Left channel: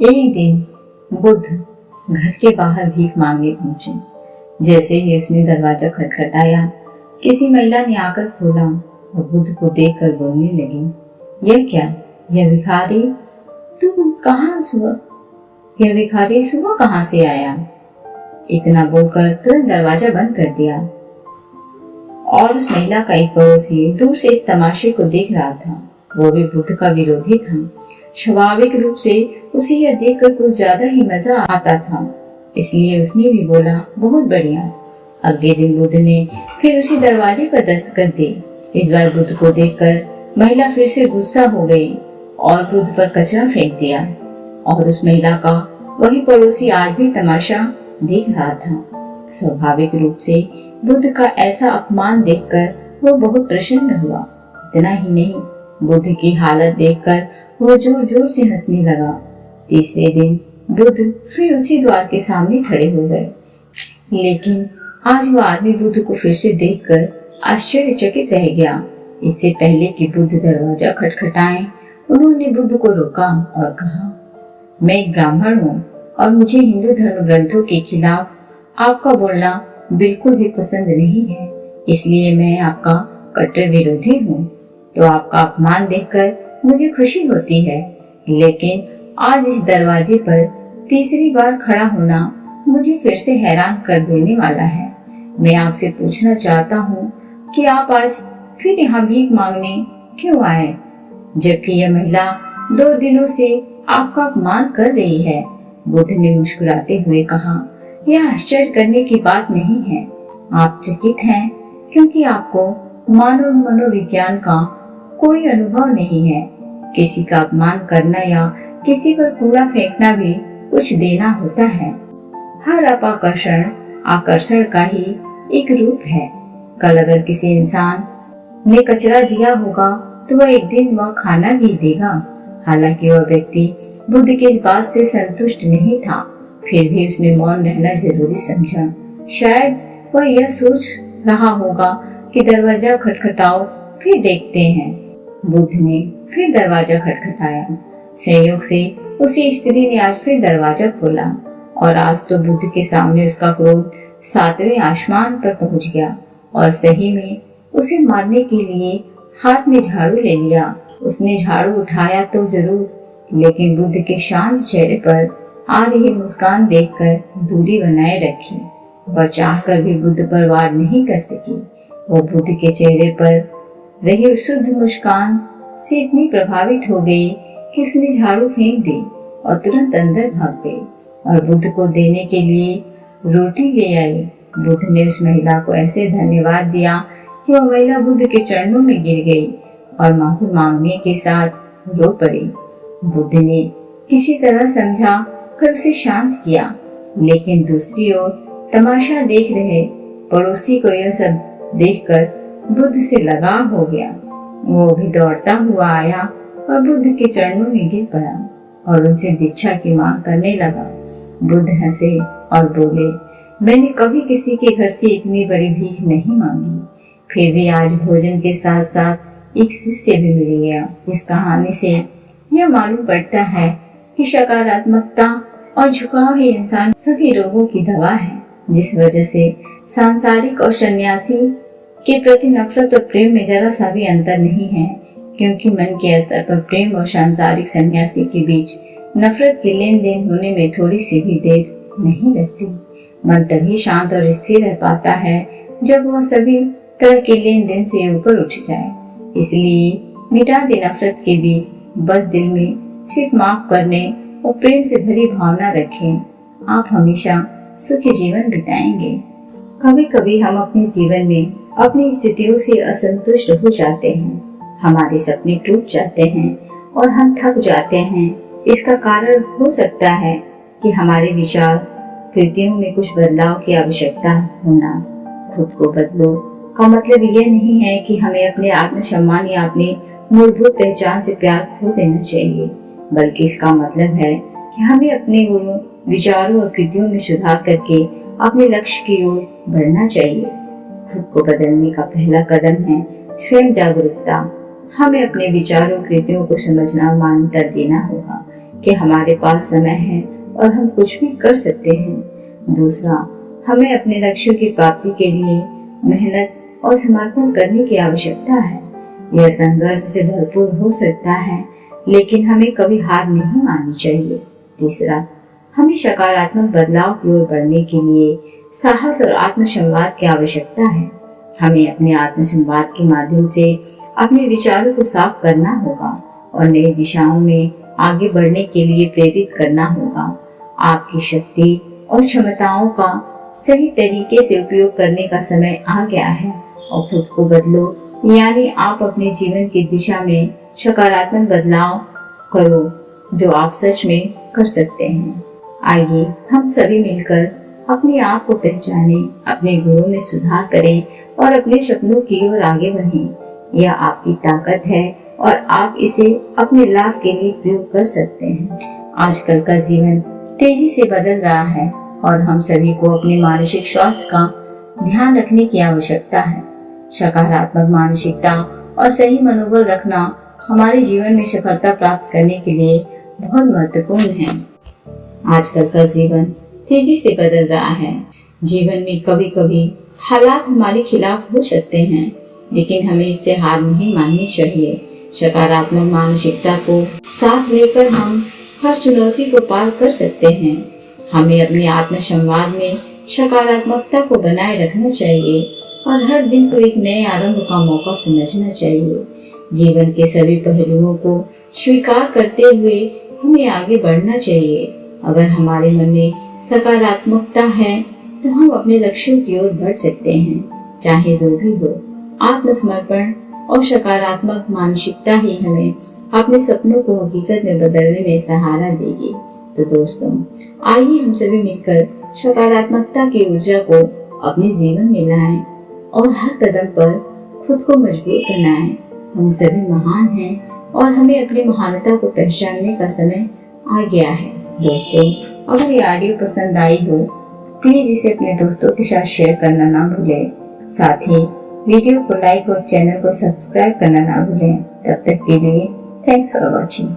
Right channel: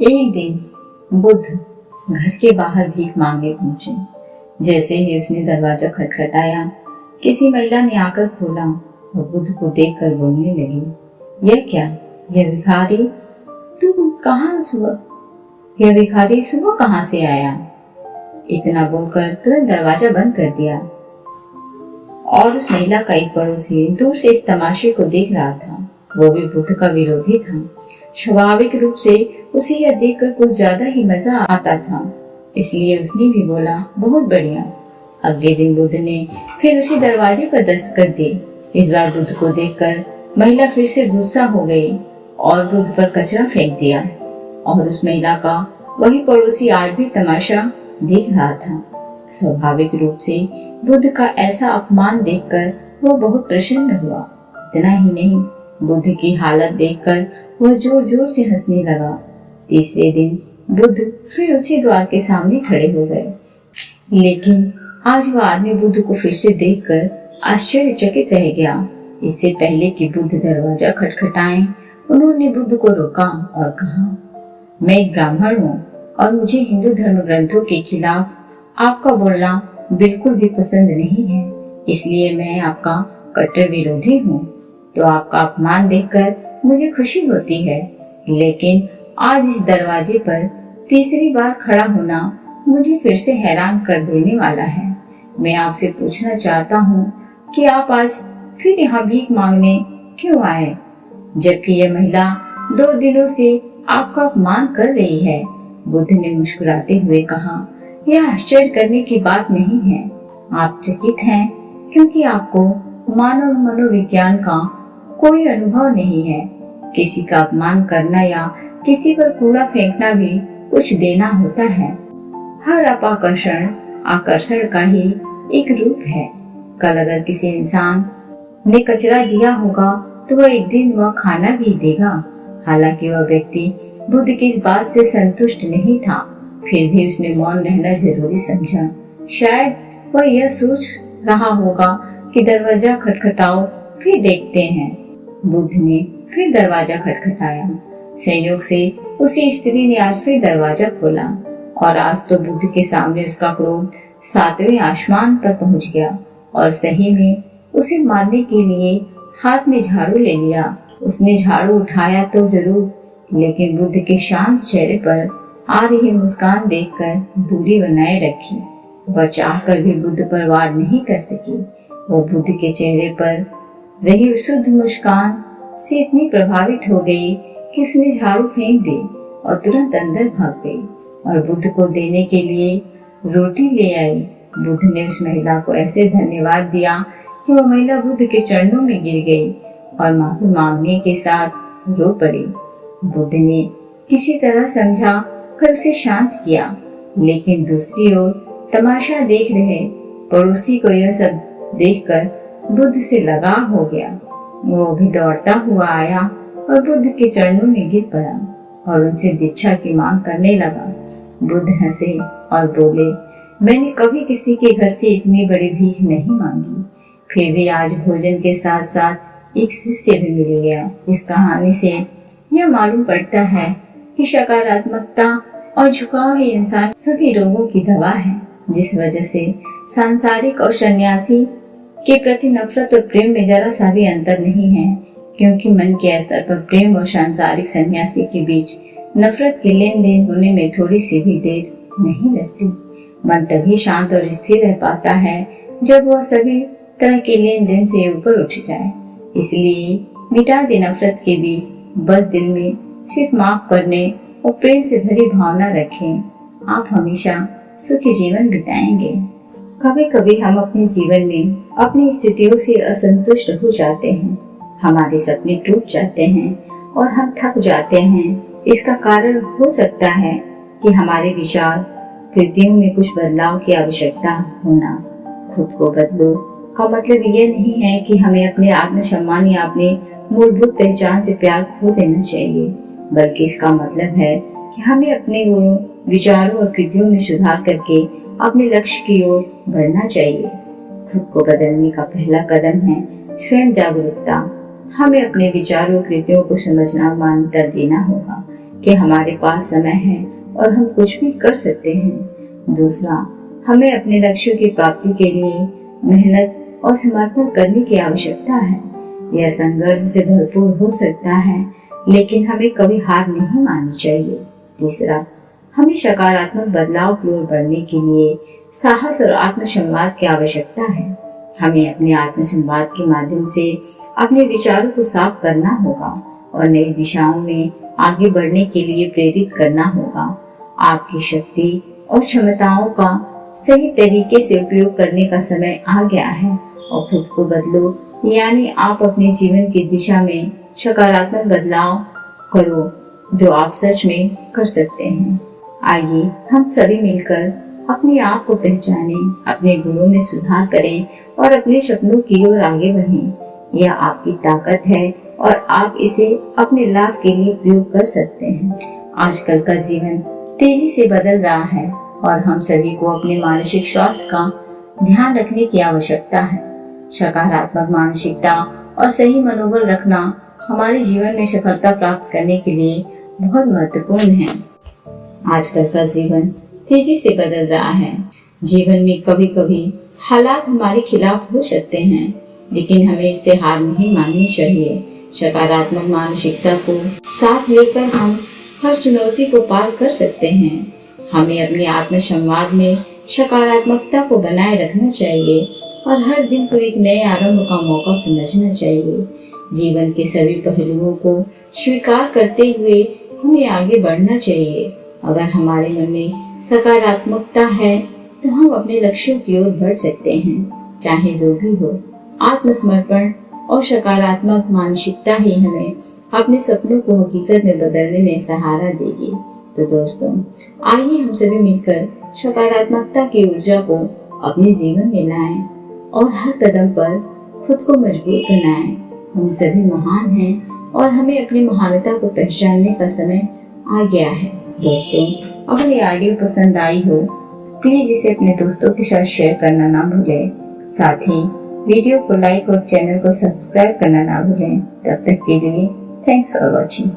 एक दिन बुद्ध घर के बाहर भीख मांगने पहुंचे। जैसे ही उसने दरवाजा खटखटाया, किसी महिला ने आकर खोला और बुद्ध को देखकर बोलने लगी, यह क्या, यह भिखारी सुबह कहाँ से आया? इतना बोलकर तुरंत दरवाजा बंद कर दिया। और उस महिला का एक पड़ोसी दूर से इस तमाशे को देख रहा था। वो भी बुद्ध का विरोधी था। स्वाभाविक रूप से उसे यह देखकर कुछ ज्यादा ही मजा आता था, इसलिए उसने भी बोला, बहुत बढ़िया। अगले दिन बुद्ध ने फिर उसी दरवाजे पर दस्तक दी। इस बार बुद्ध को देखकर महिला फिर से गुस्सा हो गई और बुद्ध पर कचरा फेंक दिया। और उस महिला का वही पड़ोसी आज भी तमाशा देख रहा था। स्वाभाविक रूप से बुद्ध का ऐसा अपमान देखकर वो बहुत प्रसन्न हुआ। इतना ही नहीं, बुद्ध की हालत देखकर वह जोर जोर से हंसने लगा। तीसरे दिन बुद्ध फिर उसी द्वार के सामने खड़े हो गए, लेकिन आज वह आदमी बुद्ध को फिर से देखकर आश्चर्यचकित रह गया। इससे पहले कि बुद्ध दरवाजा खटखटाएं, उन्होंने बुद्ध को रोका और कहा, मैं एक ब्राह्मण हूँ और मुझे हिंदू धर्म ग्रंथों के खिलाफ आपका बोलना बिल्कुल भी पसंद नहीं है, इसलिए मैं आपका कट्टर विरोधी हूँ। तो आपका अपमान देखकर मुझे खुशी होती है, लेकिन आज इस दरवाजे पर तीसरी बार खड़ा होना मुझे फिर से हैरान कर देने वाला है। मैं आपसे पूछना चाहता हूँ कि आप आज फिर यहाँ भीख मांगने क्यों आए, जबकि यह महिला 2 दिनों से आपका अपमान कर रही है। बुद्ध ने मुस्कुराते हुए कहा, यह आश्चर्य करने की बात नहीं है। आप चकित हैं क्योंकि आपको मानव मनोविज्ञान का कोई अनुभव नहीं है। किसी का अपमान करना या किसी पर कूड़ा फेंकना भी कुछ देना होता है। हर अपाकर्षण आकर्षण का ही एक रूप है। कल अगर किसी इंसान ने कचरा दिया होगा तो वह एक दिन वह खाना भी देगा। हालांकि वह व्यक्ति बुद्ध की इस बात से संतुष्ट नहीं था, फिर भी उसने मौन रहना जरूरी समझा। शायद वह यह सोच रहा होगा कि दरवाजा खटखटाओ, फिर देखते हैं। बुद्ध ने फिर दरवाजा खटखटाया। संयोग से उसी स्त्री ने आज फिर दरवाजा खोला और आज तो बुद्ध के सामने उसका क्रोध 7वें आसमान पर पहुंच गया और सही में उसे मारने के लिए हाथ में झाड़ू ले लिया। उसने झाड़ू उठाया तो जरूर, लेकिन बुद्ध के शांत चेहरे पर आ रही मुस्कान देखकर दूरी बनाए रखी। वह चाहकर भी बुद्ध पर वार नहीं कर सकी। वो बुद्ध के चेहरे पर रही शुद्ध मुस्कान से इतनी प्रभावित हो गई कि उसने झाड़ू फेंक दी और तुरंत अंदर भाग गई और बुद्ध को देने के लिए रोटी ले आई। बुद्ध ने उस महिला को ऐसे धन्यवाद दिया कि वह महिला बुद्ध के चरणों में गिर गई और माफी मांगने के साथ रो पड़ी। बुद्ध ने किसी तरह समझा कर उसे शांत किया, लेकिन दूसरी ओर तमाशा देख रहे पड़ोसी को यह सब देखकर बुद्ध से लगाव हो गया। वो भी दौड़ता हुआ आया और बुद्ध के चरणों में गिर पड़ा और उनसे दीक्षा की मांग करने लगा। बुद्ध हंसे और बोले, मैंने कभी किसी के घर से इतनी बड़ी भीख नहीं मांगी, फिर भी आज भोजन के साथ साथ एक शिष्य भी मिल गया। इस कहानी से यह मालूम पड़ता है कि सकारात्मकता और झुकाव ही इंसान सभी रोगों की दवा है, जिस वजह से सांसारिक और सन्यासी के प्रति नफरत और प्रेम में जरा सा भी अंतर नहीं है, क्योंकि मन के स्तर पर प्रेम और सांसारिक सन्यासी के बीच नफरत की लेन देन होने में थोड़ी सी भी देर नहीं लगती। मन तभी शांत और स्थिर रह पाता है जब वह सभी तरह के लेन देन से ऊपर उठ जाए। इसलिए मिटा दे नफरत के बीच, बस दिल में सिर्फ माफ करने और प्रेम से भरी भावना रखें। आप हमेशा सुखी जीवन बिताएंगे। कभी कभी हम अपने जीवन में अपनी स्थितियों से असंतुष्ट हो जाते हैं, हमारे सपने टूट जाते हैं और हम थक जाते हैं। इसका कारण हो सकता है कि हमारे विचार कृतियों में कुछ बदलाव की आवश्यकता होना। खुद को बदलो का मतलब यह नहीं है कि हमें अपने आत्मसम्मान या अपनी मूलभूत पहचान से प्यार खो देना चाहिए, बल्कि इसका मतलब है कि हमें अपने गुणों, विचारों और कृतियों में सुधार करके अपने लक्ष्य की ओर बढ़ना चाहिए। खुद को बदलने का पहला कदम है स्वयं जागरूकता। हमें अपने विचारों और कृतियों को समझना और मान्यता देना होगा। कि हमारे पास समय है और हम कुछ भी कर सकते हैं। दूसरा, हमें अपने लक्ष्यों की प्राप्ति के लिए मेहनत और समर्पण करने की आवश्यकता है। यह संघर्ष से भरपूर हो सकता है, लेकिन हमें कभी हार नहीं माननी चाहिए। तीसरा, हमें सकारात्मक बदलाव की ओर बढ़ने के लिए साहस और आत्मसंवाद की आवश्यकता है। हमें अपने आत्मसंवाद के माध्यम से अपने विचारों को साफ करना होगा और नई दिशाओं में आगे बढ़ने के लिए प्रेरित करना होगा। आपकी शक्ति और क्षमताओं का सही तरीके से उपयोग करने का समय आ गया है और खुद को बदलो, यानी आप अपने जीवन की दिशा में सकारात्मक बदलाव करो जो आप सच में कर सकते हैं। आइए हम सभी मिलकर अपने आप को पहचानें, अपने गुणों में सुधार करें और अपने सपनों की ओर आगे बढ़ें। यह आपकी ताकत है और आप इसे अपने लाभ के लिए प्रयोग कर सकते हैं। आजकल का जीवन तेजी से बदल रहा है और हम सभी को अपने मानसिक स्वास्थ्य का ध्यान रखने की आवश्यकता है। सकारात्मक मानसिकता और सही मनोबल रखना हमारे जीवन में सफलता प्राप्त करने के लिए बहुत महत्वपूर्ण है। आजकल का जीवन तेजी से बदल रहा है। जीवन में कभी कभी हालात हमारे खिलाफ हो सकते हैं, लेकिन हमें इससे हार नहीं माननी चाहिए। सकारात्मक मानसिकता को साथ लेकर हम हर चुनौती को पार कर सकते हैं। हमें अपने आत्मसंवाद में सकारात्मकता को बनाए रखना चाहिए और हर दिन को एक नए आरंभ का मौका समझना चाहिए। जीवन के सभी पहलुओं को स्वीकार करते हुए हमें आगे बढ़ना चाहिए। अगर हमारे मन में सकारात्मकता है तो हम अपने लक्ष्यों की ओर बढ़ सकते हैं, चाहे जो भी हो। आत्मसमर्पण और सकारात्मक मानसिकता ही हमें अपने सपनों को हकीकत में बदलने में सहारा देगी। तो दोस्तों, आइए हम सभी मिलकर सकारात्मकता की ऊर्जा को अपने जीवन में लाएं और हर कदम पर खुद को मजबूत बनाएं। हम सभी महान हैं और हमें अपनी महानता को पहचानने का समय आ गया है। दोस्तों, अगर ये ऑडियो पसंद आई हो प्लीज इसे अपने दोस्तों के साथ शेयर करना ना भूलें। साथ ही वीडियो को लाइक और चैनल को सब्सक्राइब करना ना भूलें। तब तक के लिए थैंक्स फॉर वॉचिंग।